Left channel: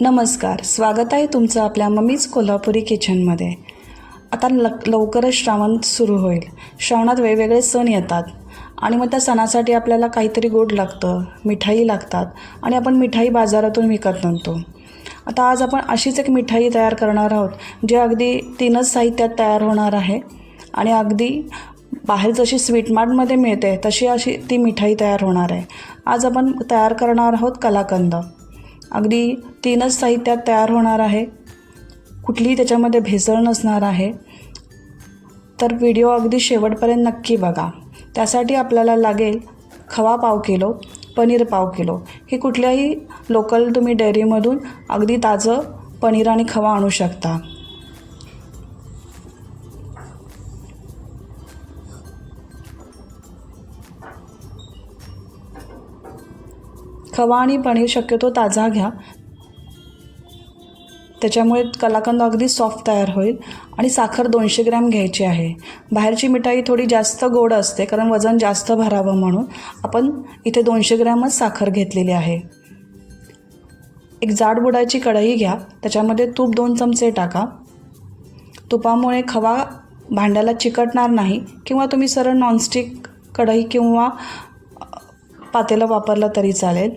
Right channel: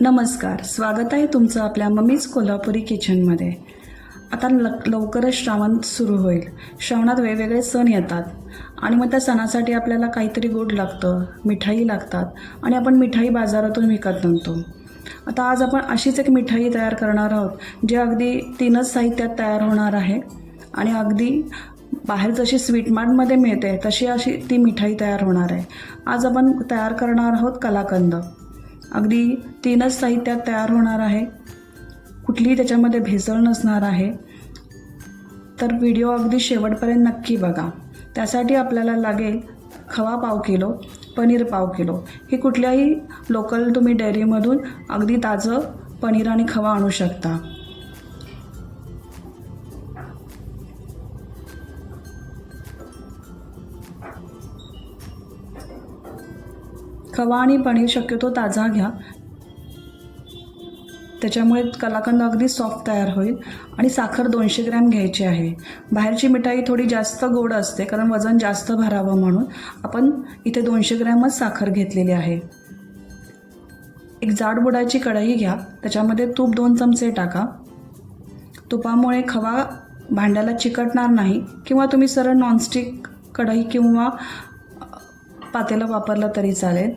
नमस्कार, स्वागत आहे तुमचं आपल्या मम्मीज कोल्हापुरी किचनमध्ये। आता लवकरच श्रावण सुरू होईल। श्रावणात वेगवेगळे सण येतात आणि मग त्या सणासाठी आपल्याला काहीतरी गोड लागतं, मिठाई लागतात आणि आपण मिठाई बाजारातून विकत आणतो। आता आज आपण अशीच एक मिठाई तयार करणार आहोत जे अगदी 3च साहित्यात तयार होणार आहे आणि अगदी बाहेर जशी स्वीट मार्टमध्ये मिळते तशी अशी ती मिठाई तयार होणार आहे। आज आपण तयार करणार आहोत कलाकंद। अगदी 3च साहित्यात तयार होणार आहे, कुठलीही त्याच्यामध्ये भेसळ नसणार आहे। तर व्हिडिओ अगदी शेवटपर्यंत नक्की बघा। त्यासाठी आपल्याला लागेल खवा पाव किलो, पनीर पाव किलो। हे कुठल्याही लोकल तुम्ही डेअरीमधून अगदी ताजं पनीर आणि खवा आणू शकता। खवा आणि पनीर शक्यतो ताजा घ्या, त्याच्यामुळे कलाकंद अगदी सॉफ्ट तयार होईल। आणि साखर 200 ग्रॅम घ्यायची आहे। बाहेरची मिठाई थोडी जास्त गोड असते कारण वजन जास्त भरावं म्हणून आपण इथे 200 ग्रॅमच साखर घेतलेली आहे। एक जाड बुडाची कढई घ्या, त्याच्यामध्ये तूप 2 चमचे टाका। तुपामुळे खवा भांड्याला चिकटणार नाही किंवा तुम्ही सरळ नॉनस्टिक कढई किंवा पातेलं वापरलं तरी चालेल।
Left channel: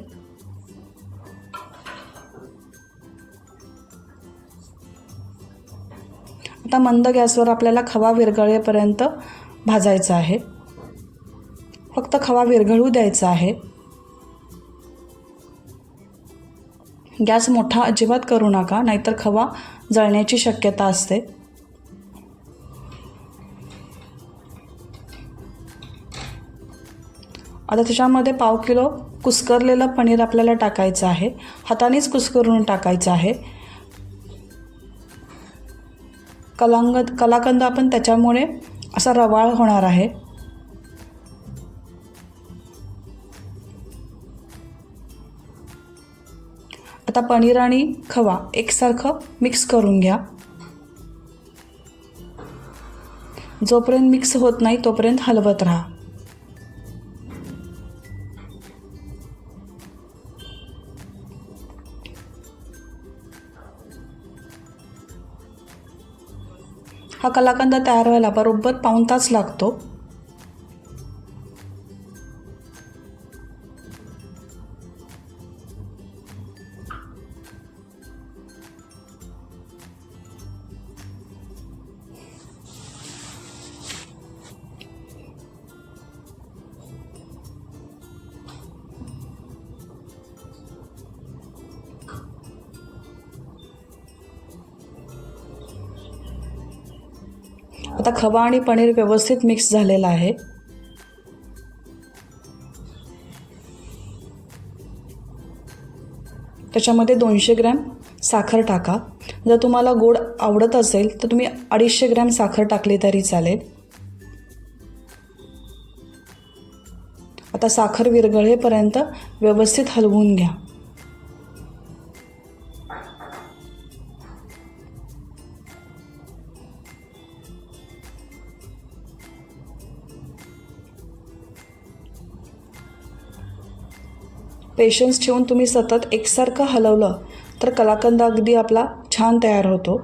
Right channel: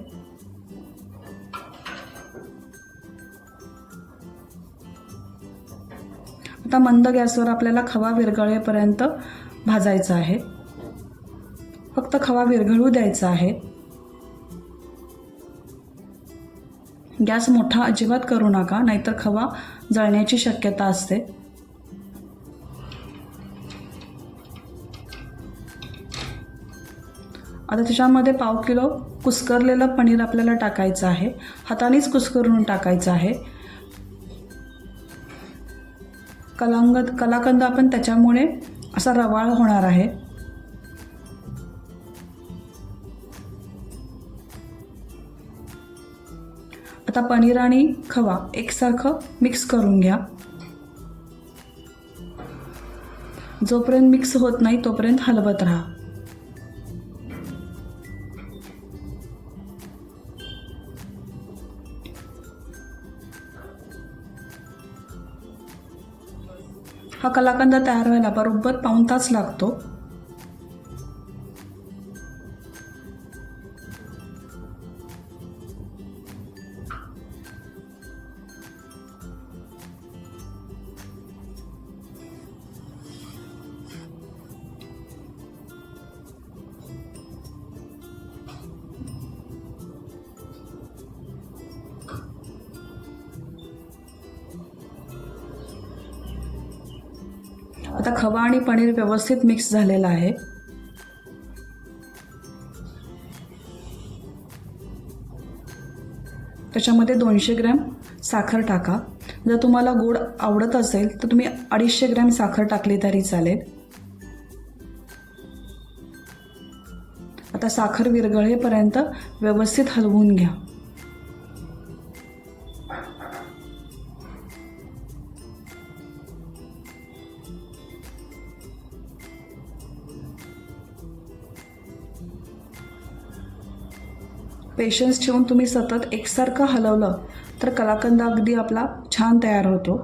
आता मंद गॅसवर आपल्याला खवा विरघळेपर्यंत भाजायचा आहे। फक्त खवा विरघळू द्यायचा आहे। गॅस मोठा अजिबात करू नका, नाहीतर खवा जळण्याची शक्यता असते। आता त्याच्यामध्ये पाव किलो कुस्करलेलं पनीर आपल्याला टाकायचं आहे। हातानेच कुस्करून टाकायचं आहे। कलाकंद आपण त्याच्यामुळे असा रवाळ होणार आहे। आता पनीर आणि खवा एकसारखं मिक्स करून घ्या। जोपर्यंत मिक्स होत नाही तोपर्यंत हलवत राहा। हा कलाकंद तयार व्हायला बरोबर पाऊण तास लागतो। आता खवा आणि पनीर व्यवस्थित मिक्स झालेला आहे। त्याच्यामध्ये 200 ग्रॅम साखर टाका। जर तुम्हाला गोड आवडत असेल तर तुम्ही 250 ग्रॅम साखर टाकली तरी चालेल। आता साखर विरघळेपर्यंत व्यवस्थित हलवून घ्या। पेशन्स ठेवून तुम्ही सतत एकसारखं हलवलं तर कलाकंद अगदी आपला छान तयार होतो।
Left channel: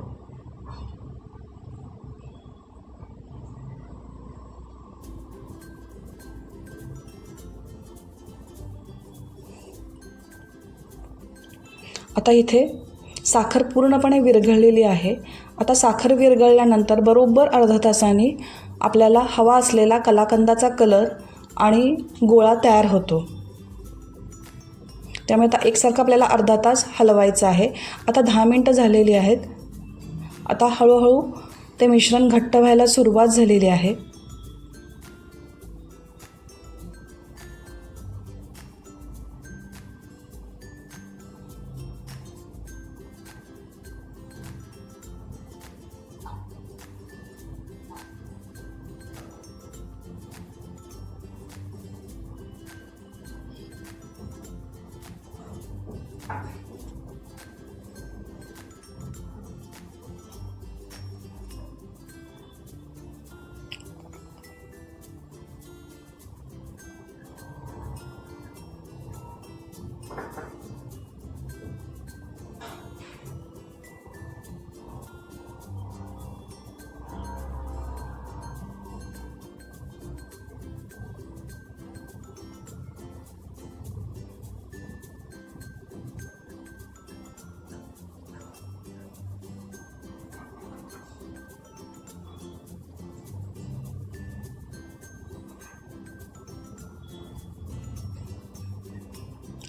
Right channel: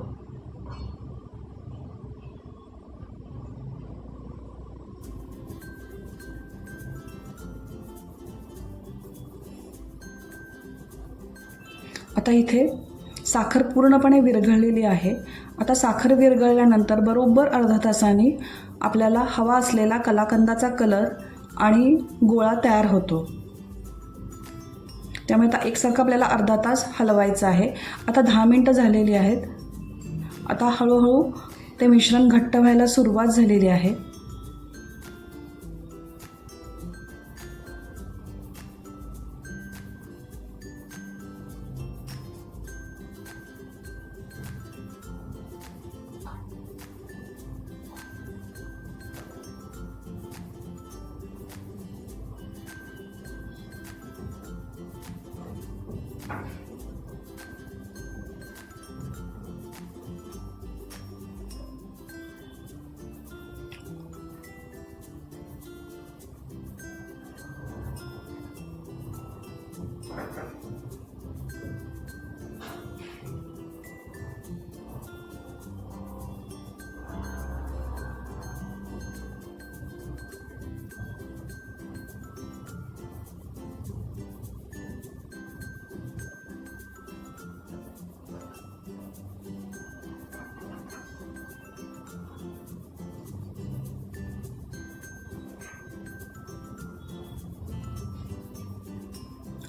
आता इथे साखर पूर्णपणे विरघळलेली आहे। आता साखर विरघळल्यानंतर बरोबर अर्धा तासाने आपल्याला हवा असलेला कलाकंदाचा कलर आणि गोळा तयार होतो। त्यामुळे आता एकसारखं आपल्याला अर्धा तास हलवायचं आहे। आता 10 मिनिटं झालेली आहेत। आता हळूहळू ते मिश्रण घट्ट व्हायला सुरुवात झालेली आहे।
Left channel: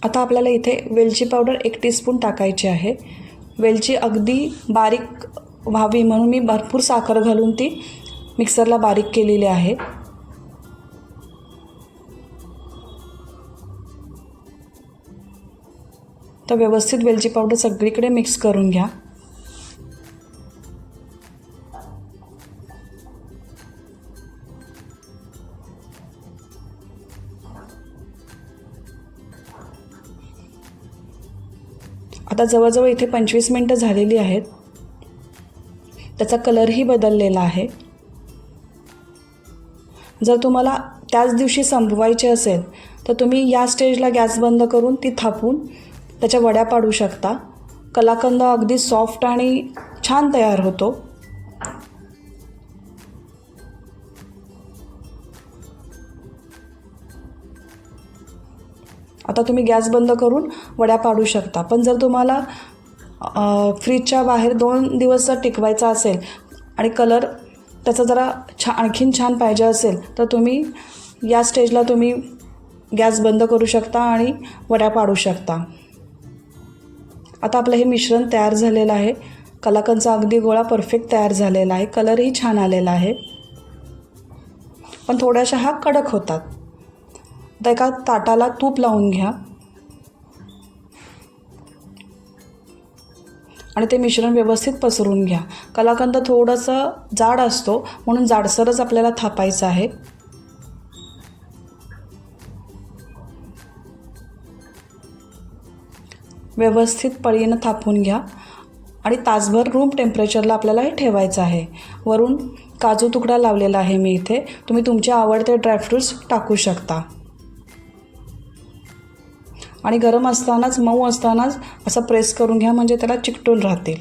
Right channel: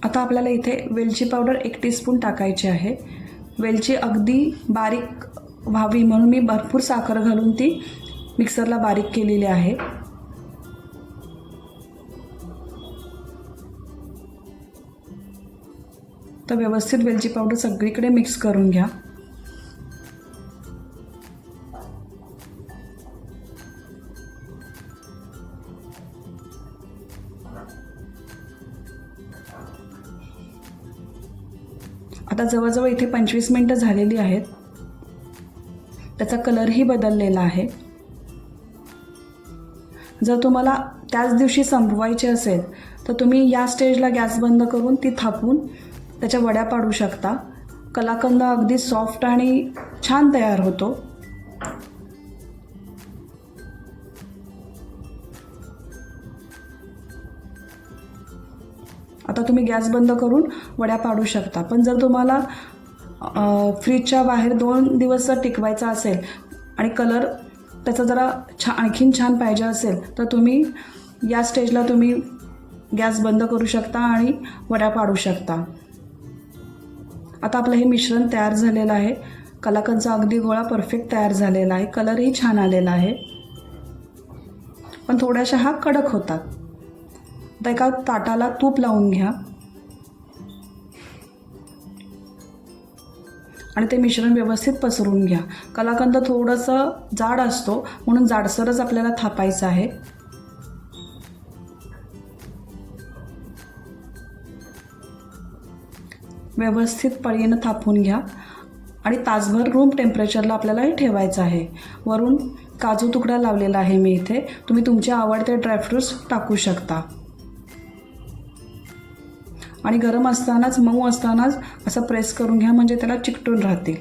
आता आपल्याला इथे वेलची पावडर 1 टीस्पून टाकायची आहे. वेलची अगदी बारीक व्हावी म्हणून मी भरपूर साखर घालून ती मिक्सरला बारीक केलेली आहे. तर व्यवस्थित वेलची पावडर सगळीकडे मिक्स करून घ्या. आता जवळजवळ इथे 25 मिनटं झालेली आहेत. त्याचा कलरही बदललेला आहे. जर तुम्हाला त्याच दिवशी संपवायचे असेल तर तुम्ही या स्टेजला गॅस बंद करून ती थापून त्याच्या वड्या पाडू शकता. कलाकंद अगदी सॉफ्ट आणि छान तयार होतो. आता तुम्ही गॅस बंद करून वड्या पाडू शकता. पण जर तुम्हाला फ्रीजच्या बाहेर 2 दिवस टिकवायचा असेल आणि कलर त्याचा जरा आणखीन छान पाहिजे असेल तर तुम्ही या स्टेजला तुम्ही गॅस बंद करू शकता आणि वड्या पाडू शकता. आता आपलं हे मिश्रण तयार झालेलं आहे. कलाकंदचा अगदी गोळा परफेक्ट तयार झालेला आहे. कलरही छान आलेला आहे. पण थोड्याशा हा कडक होतात. आता एका ताटाला तूप लावून घ्या आणि ते मिश्रण व्यवस्थित पसरून घ्या. कलाकंद थोडंसं जाड असतो म्हणून जाडसरच आपल्याला थापायचं आहे. व्यवस्थित पळीनं थापून घ्या आणि तासभर रूम टेम्परेचरला आपल्याला हे ठेवायचं आहे. वरून काजू तुकडा लावलेला आहे मी इथे. तुम्ही तुमचे आवडते ड्रायफ्रूट्स टाकू शकता. आणि गरम असतानाच मऊ असतानाच असं प्रेस करून घ्या म्हणजे त्याला चिकटून राहतील.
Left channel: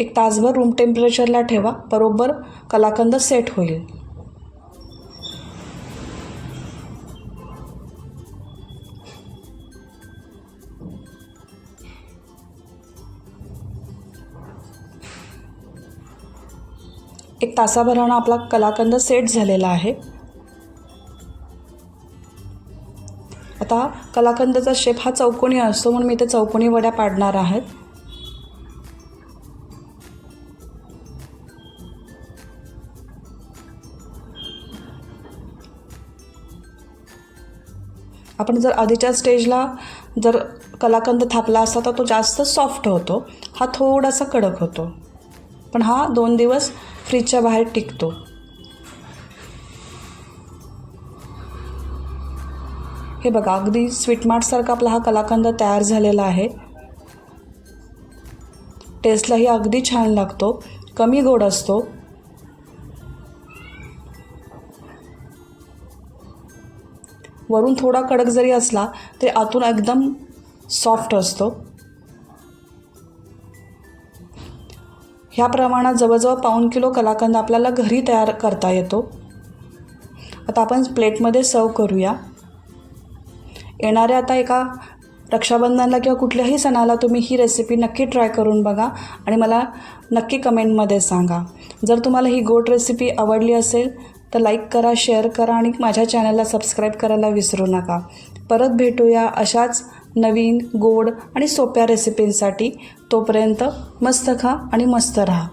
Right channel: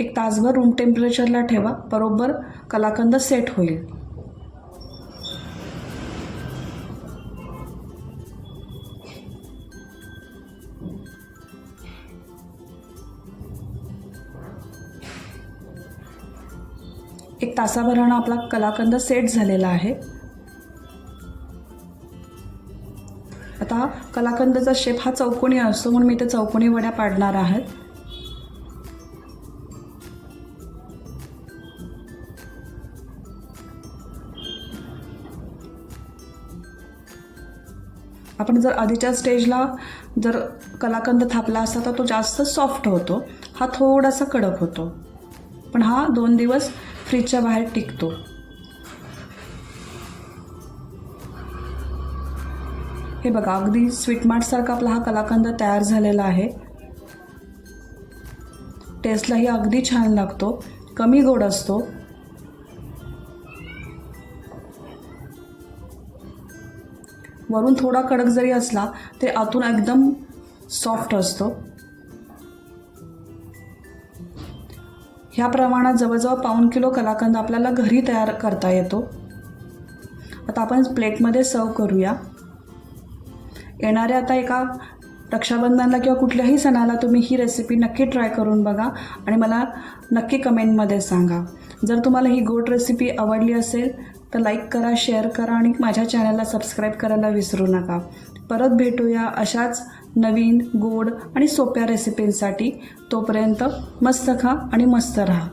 एक तासभर रूम टेम्परेचरला ठेवा. बरोबर कलाकंद सेट होईल. एक तासाभरानं आपला कलाकंद सेट झालेला आहे. आता कलाकंदाचा शेप हा चौकोनी असतो म्हणून मी इथे चौकोनी वड्या पाडणार आहे. आपण जर आधीच्या स्टेजला जर कलाकंद थापला असता तर तो जास्त सॉफ्ट होतो. हा थोडासा कडक होतो. पण हा 2 दिवस फ्रीजच्या बाहेर टिकतो. हे बघा अगदी स्वीटमार्टसारखा आपला हा कलाकंद तयार झालेला आहे. टेस्टलाही अगदी छान लागतो. कमी गोड असतो. वरून थोडा कडक जरी असला तरी आतून एकदम सॉफ्ट असतो. ह्या प्रमाणात जवळजवळ पाऊण किलो कलाकंद आपल्याला घरी तयार करता येतो. आता आपण प्लेटमध्ये सर्व करूया. येणाऱ्या आता एका रक्षाबंधनला किंवा कुठल्याही सणाला तुम्ही ही रेसिपी नक्की ट्राय करून बघा आणि मला नक्की कमेंटमध्ये सांगा. जर तुम्हाला ही गोड रेसिपी आवडली असेल तर लाईक करा, शेअर करा आणि माझ्या चॅनलला सबस्क्राईब करायला विसरू नका. परत भेटूया अशाच नवीन गोड आणि सोप्या रेसिपींसाठी. तोपर्यंत मस्त खा आणि मस्त राहा.